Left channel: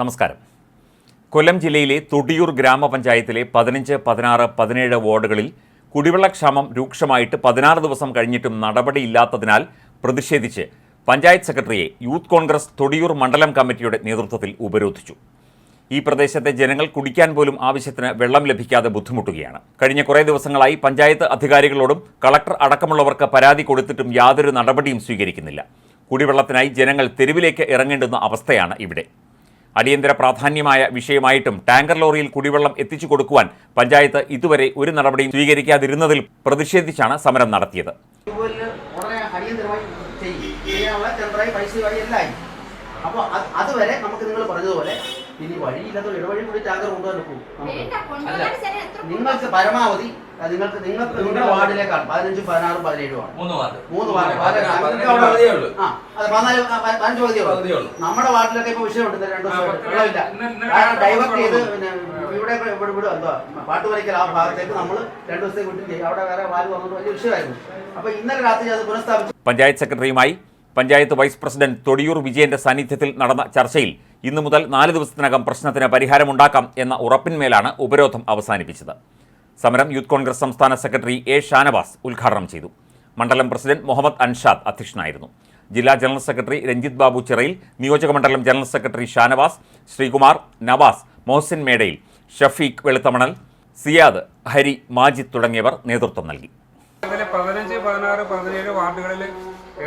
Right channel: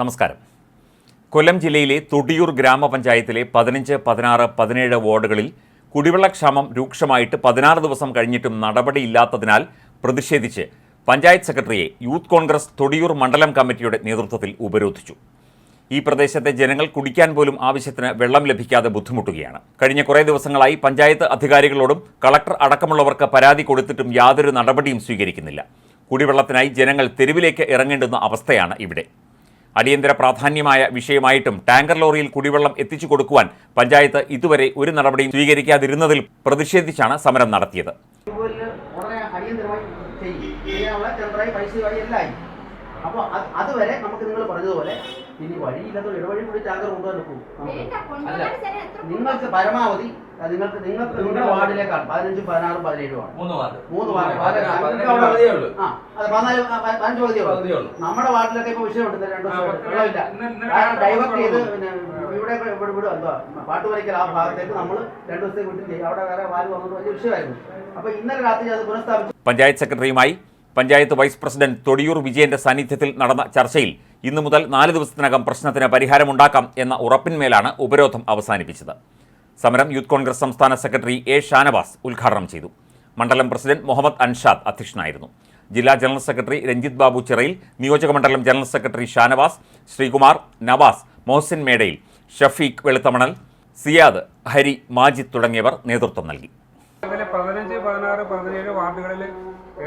നമസ്കാരം. കൊല്ലം ജില്ലയിലെ തൊടിയൂർ ഗ്രാമപഞ്ചായത്തിലെ പതിനഞ്ച് പതിനാറ് പതിനേഴ് വാർഡുകളിൽ കുടിവെള്ളക്ഷാമം രൂക്ഷമായിട്ട് പതിനാറ് ദിവസം കഴിഞ്ഞിട്ടും നടപടിയില്ലാത്തതിനാൽ പ്രതിഷേധിച്ച് പഞ്ചായത്ത് സെക്രട്ടറിയെ യൂത്ത് കോൺഗ്രസ് തൊടിയൂർ മണ്ഡലം കമ്മിറ്റിയുടെ നേതൃത്വത്തിൽ ഉപരോധിച്ചു. ഈ പ്രദേശത്തെ ജനങ്ങൾ കുടിക്കാൻ പോലും ആവശ്യത്തിന് വെള്ളം ലഭിക്കാതെ ബുദ്ധിമുട്ടുകയാണ്. കഴിഞ്ഞ കുറേ ദിവസങ്ങളായി പഞ്ചായത്ത് അധികാരികളോടും കളക്ടർ അടക്കമുള്ളവർക്ക് പരാതി കൊടുത്തിട്ടും യാതൊരു നടപടിയും സ്വീകരിക്കുന്നില്ല. കുടിവെള്ളത്തിനായി ജനങ്ങൾ തെരുവിലേക്ക് ഇറങ്ങേണ്ടുന്ന അവസ്ഥയാണ് ഇവിടെ. അടിയന്തര പ്രാധാന്യമായ വിഷയമായിട്ടും ടാങ്കർ ലോറിയിൽ കുടിവെള്ളം എത്തിച്ചു കൊടുക്കുവാൻ പഞ്ചായത്ത് ഇതുവരെ ഒരു നടപടിയും സ്വീകരിക്കാതിരുന്നതിൽ പ്രതിഷേധിച്ചാണ് സമരം നടത്തിയത്. അപ്പോൾ അത് അതുവരെ നമുക്ക് നിങ്ങൾ പറഞ്ഞതുപോലെ ഇനി വഴിയില്ലാത്ത ഇടവഴി കൂടി ടാങ്കർ കൊണ്ടുവന്ന് പോകും നിങ്ങൾക്ക് പരമാവധി നിങ്ങൾക്ക് നിങ്ങൾക്ക് നിങ്ങളുടെ വാർഡിലേക്കാണ്. പതിനഞ്ചും പതിനാറും പതിനേഴും ആണ്. മൂന്ന് വാർഡ്. മൂന്ന് വാർഡ്. അതെ പതിനാല് ആ, പതിനഞ്ച് പകുതിയേ പകുതിയേ ഉള്ളൂ. നമ്മുടെ വാർഡിലൊക്കെ ഇപ്പൊ വിഷയമുണ്ട് രണ്ടു വെള്ളമില്ല കാരണം ഡൈവേർട്ട് ചെയ്ത്. പിന്നെ ഇവിടെ ഇവിടെ ഇവിടെ പാട്ട് പാട്ടുപറയ്ക്കൽ ആ ഭാഗത്തേക്ക് നമ്മൾ രണ്ടു ദിവസത്തേക്ക് വിട്ടില്ലേ അവിടെ വേറെ വാൽ വന്നിട്ട് വലിയ വിഷയമായിരുന്നു. അപ്പൊ ഇന്നലെ രാത്രി അത് പുനഃസ്ഥാപിച്ചു. പഞ്ചായത്ത് സെക്രട്ടറിയുമായി പഞ്ചായത്ത് വൈസ് പ്രസിഡന്റ് തൊടിയൂർ വിജയന്റെ സാന്നിധ്യത്തിൽ നടന്ന ചർച്ചയിൽ ഇന്നു മുതൽ നാല് ദിവസത്തിനകം പ്രശ്നത്തിന് പരിഹാരമുണ്ടാക്കാം എന്ന ഉറപ്പിന്മേലാണ് ഉപരോധം അവസാനിപ്പിച്ചത്. സമരം യൂത്ത് കോൺഗ്രസ് സംസ്ഥാന സെക്രട്ടറി എ ഷാനവാസ് ഉദ്ഘാടനം ചെയ്തു. മണ്ഡലം പ്രസിഡന്റ് മുഹമ്മദ് അൻഷാദ് അധ്യക്ഷനായിരുന്നു. ജില്ലാ ജനറൽ സെക്രട്ടറി രഞ്ജിത്ത് ബാബു ചിറയിൽ നിയോജക മണ്ഡലം ജനറൽ സെക്രട്ടറി ഷാനവാസ് ശ്രീകുമാർ നവാസ് മോഹ്സിൻ മേടയിൽ ഷഫീഖ് വെളുത്തമണൽ സിയാദ് ഹരി മാജിദ് തുടങ്ങിയവർ നേതൃത്വം നൽകി. പതിനഞ്ച് പതിനാറ് പതിനേഴ് വാർഡുകളിൽ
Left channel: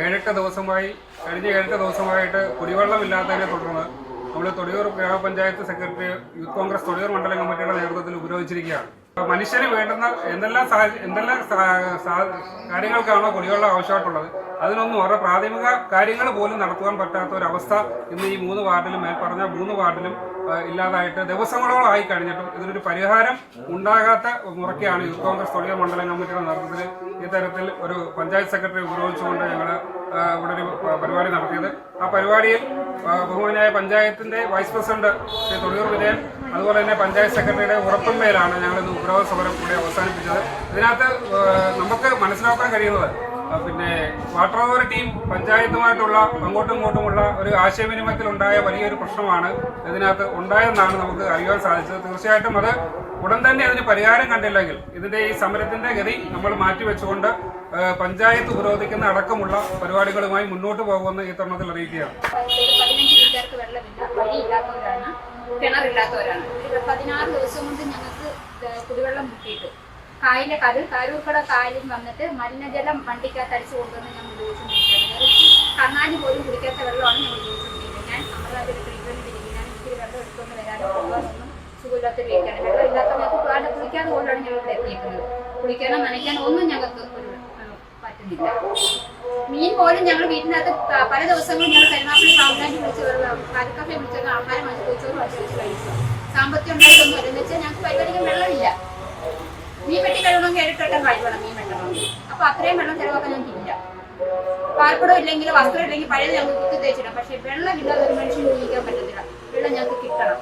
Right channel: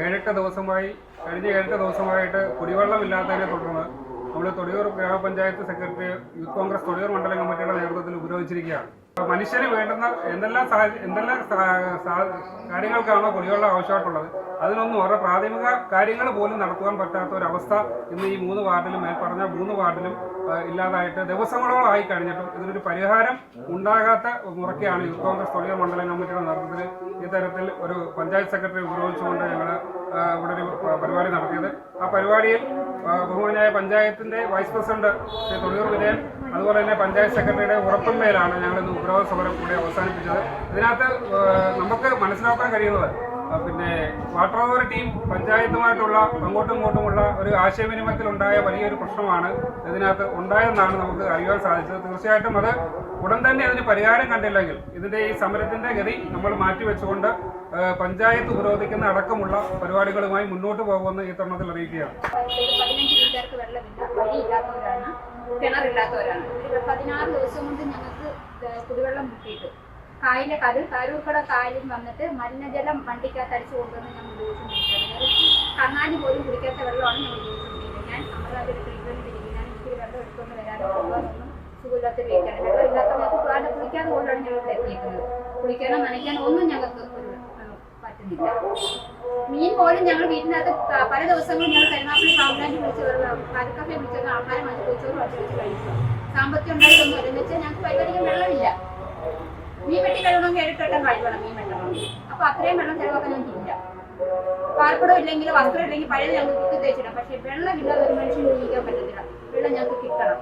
ഏഴെട്ട് ദിവസമായി കഴിഞ്ഞ ഏഴെട്ട് ദിവസമായിട്ട് കുടിവെള്ളമില്ലാത്തതിനെ തുടർന്ന് നമ്മൾ തൊടിയൂർ ഗ്രാമപഞ്ചായത്ത് സെക്രട്ടറി യൂത്ത് കോൺഗ്രസ് തൊടിയൂർ മണ്ഡലം കമ്മിറ്റിയുടെ നേതൃത്വത്തിൽ ഉപരോധിച്ചിരിക്കുകയാണ്. മനുഷ്യന് വേണ്ടുന്ന എന്തെല്ലാം എന്തെല്ലാം കാര്യങ്ങൾക്കാണോ കുടിവെള്ളം ആവശ്യമായിട്ടുള്ളത് അതിനൊന്നും അവരുടെ പ്രാഥമിക കാര്യങ്ങൾ പോലും നടത്തുവാൻ പറ്റാത്ത ഒരവസ്ഥ ഇന്ന് ഈ മൂന്ന് വാർഡിലും മേൽപ്പറഞ്ഞ മൂന്ന് വാർഡിലും ഇല്ലാതായിട്ട് ദിവസങ്ങളോളം ആയി കഴിഞ്ഞിട്ടും ഇതിനൊരു പരിഹാരം ഉണ്ടാകാത്ത മുറയ്ക്കാണ് യൂത്ത് കോൺഗ്രസ് തൊഴിൽ മണ്ഡലം കമ്മിറ്റിയുടെ നേതൃത്വത്തിൽ ഇത്തരത്തിൽ ഒരു പഞ്ചായത്ത് സെക്രട്ടറി ഉപയോഗിച്ചുകൊണ്ട് ഞങ്ങൾ ഇവിടെ ഒരു പരിപാടി നടത്തിയത്. ആ പരിപാടിയിൽ ബഹുമാനായ പഞ്ചായത്തിന്റെ വൈസ് പ്രസിഡന്റ് ശ്രീ തൊടിയൂർ വിജയൻ അതുപോലെ തന്നെ പഞ്ചായത്ത് സെക്രട്ടറിയുടെ ഉറപ്പിന്മേലാണ് ഞങ്ങൾ ഇന്ന് ഉപരോധ സമരം കൂടി അവസാനിപ്പിച്ചത്. ഇതിനകത്ത് നമുക്ക് മനസ്സിലാക്കാൻ കഴിയുന്നത് പിന്നെ വാട്ടർ അതോറിറ്റിയും പഞ്ചായത്തുമായിട്ടുള്ള അങ്ങോട്ടും ഇങ്ങോട്ടുമുള്ള ഒരു ആശയവിനിമയത്തിൽ ഉണ്ടായ വലിയൊരു പ്രശ്നമാണ് ഇതിനകത്ത് ഉണ്ടായതെന്നാണ് നമുക്ക് അറിയാൻ സാധിച്ചത്. തീർച്ചയായിട്ടും അത് ഉടൻ തന്നെ അതിന് പരിഹാരം കണ്ടില്ലെങ്കിൽ ഇതിന്റെ ഈ സമരത്തിന്റെ ഗതി നമ്മൾ മാറ്റിവെച്ചുകൊണ്ട് പഞ്ചായത്ത് ഉപരോധിക്കുന്ന അടക്കമുള്ള പരിപാടികളുമായി മുന്നോട്ട് പോകുമെന്ന് ഈ തരണത്തിൽ അറിയിക്കുകയാണ്. പതിനഞ്ച് വീട്ടുകാർക്ക് വെള്ളമില്ല പതിനാറ് ദിവസം കൊണ്ട് ഞങ്ങൾക്ക് കുടിവെള്ളം മുട്ടിയിട്ട് കായലിലെ കടൽ കാരൂർക്കട കായലിൽ വന്നിട്ട് മലിനജലം വണ്ടിക്കകത്ത് അടിച്ചു കൊണ്ടുവന്ന് ഞങ്ങൾ ഉപയോഗിച്ചുകൊണ്ടിരിക്കുകയാണ് കണ്ണാടി പോലും കുടിക്കാത്ത വെള്ളമാണ് ഞങ്ങൾ ഉപയോഗിച്ചുകൊണ്ടിരിക്കുന്നത് ഞാൻ അമൃതാപുരം ട്രീറ്റ്മെന്റ് തിരികെ ഞാൻ ഇത്തിരി വെള്ളം എടുത്തുകൊണ്ട് വരാനോ പോകാനൊന്നും സുഖമില്ലാത്തൊരു വ്യക്തിയാണ് വെള്ളം ഇല്ലാത്ത ഞങ്ങൾക്ക് കുളിക്കാതെ കൊണ്ടാണ് ഞങ്ങൾ ഇവിടെ എത്തിയേക്കുന്നത്. കുളിക്കാനോ നനയ്ക്കാനോ ഒന്നും ഞങ്ങൾക്ക് പറ്റുന്നില്ല മീൻ പോലും ഞങ്ങൾ വീട്ടിനകത്ത് പല ദിവസങ്ങളും ഞങ്ങൾ കരുനാപ്പള്ളി പാമ്പലാൻഡ് വിളിച്ച് കരുക്കഫെ വിളിച്ചത് ആഹാരം മാറ്റി കൊച്ചോറ് വെച്ച് കഴിച്ചു സാമ്പത്തികം ഉണ്ടായിട്ടൊന്നും എന്ന് വെച്ചാൽ ഞങ്ങൾക്ക് പരിപാടിക്കാൻ വെള്ളമില്ല. മീൻ വെട്ടി കഴിയണമെങ്കിൽ ഏഴെട്ടെട്ടം കഴിവണം മീൻ വെട്ടണമെങ്കിൽ. അപ്പൊ അത്രയും വെള്ളം ചിലവാക്കാൻ ഞങ്ങൾക്ക് ഇല്ല. പാർപ്പിടം ഇല്ലെങ്കിൽ വസ്ത്രം ഇല്ലെങ്കിൽ പഴയത് ഞങ്ങൾക്ക് കുത്തി തേച്ചിടാം. പക്ഷെ വെള്ളം ഇല്ലാതെ ഒരു മനുഷ്യന് ജീവിക്കാൻ പറ്റത്തില്ല. വെള്ളം ഞങ്ങൾക്ക് കിട്ടണം.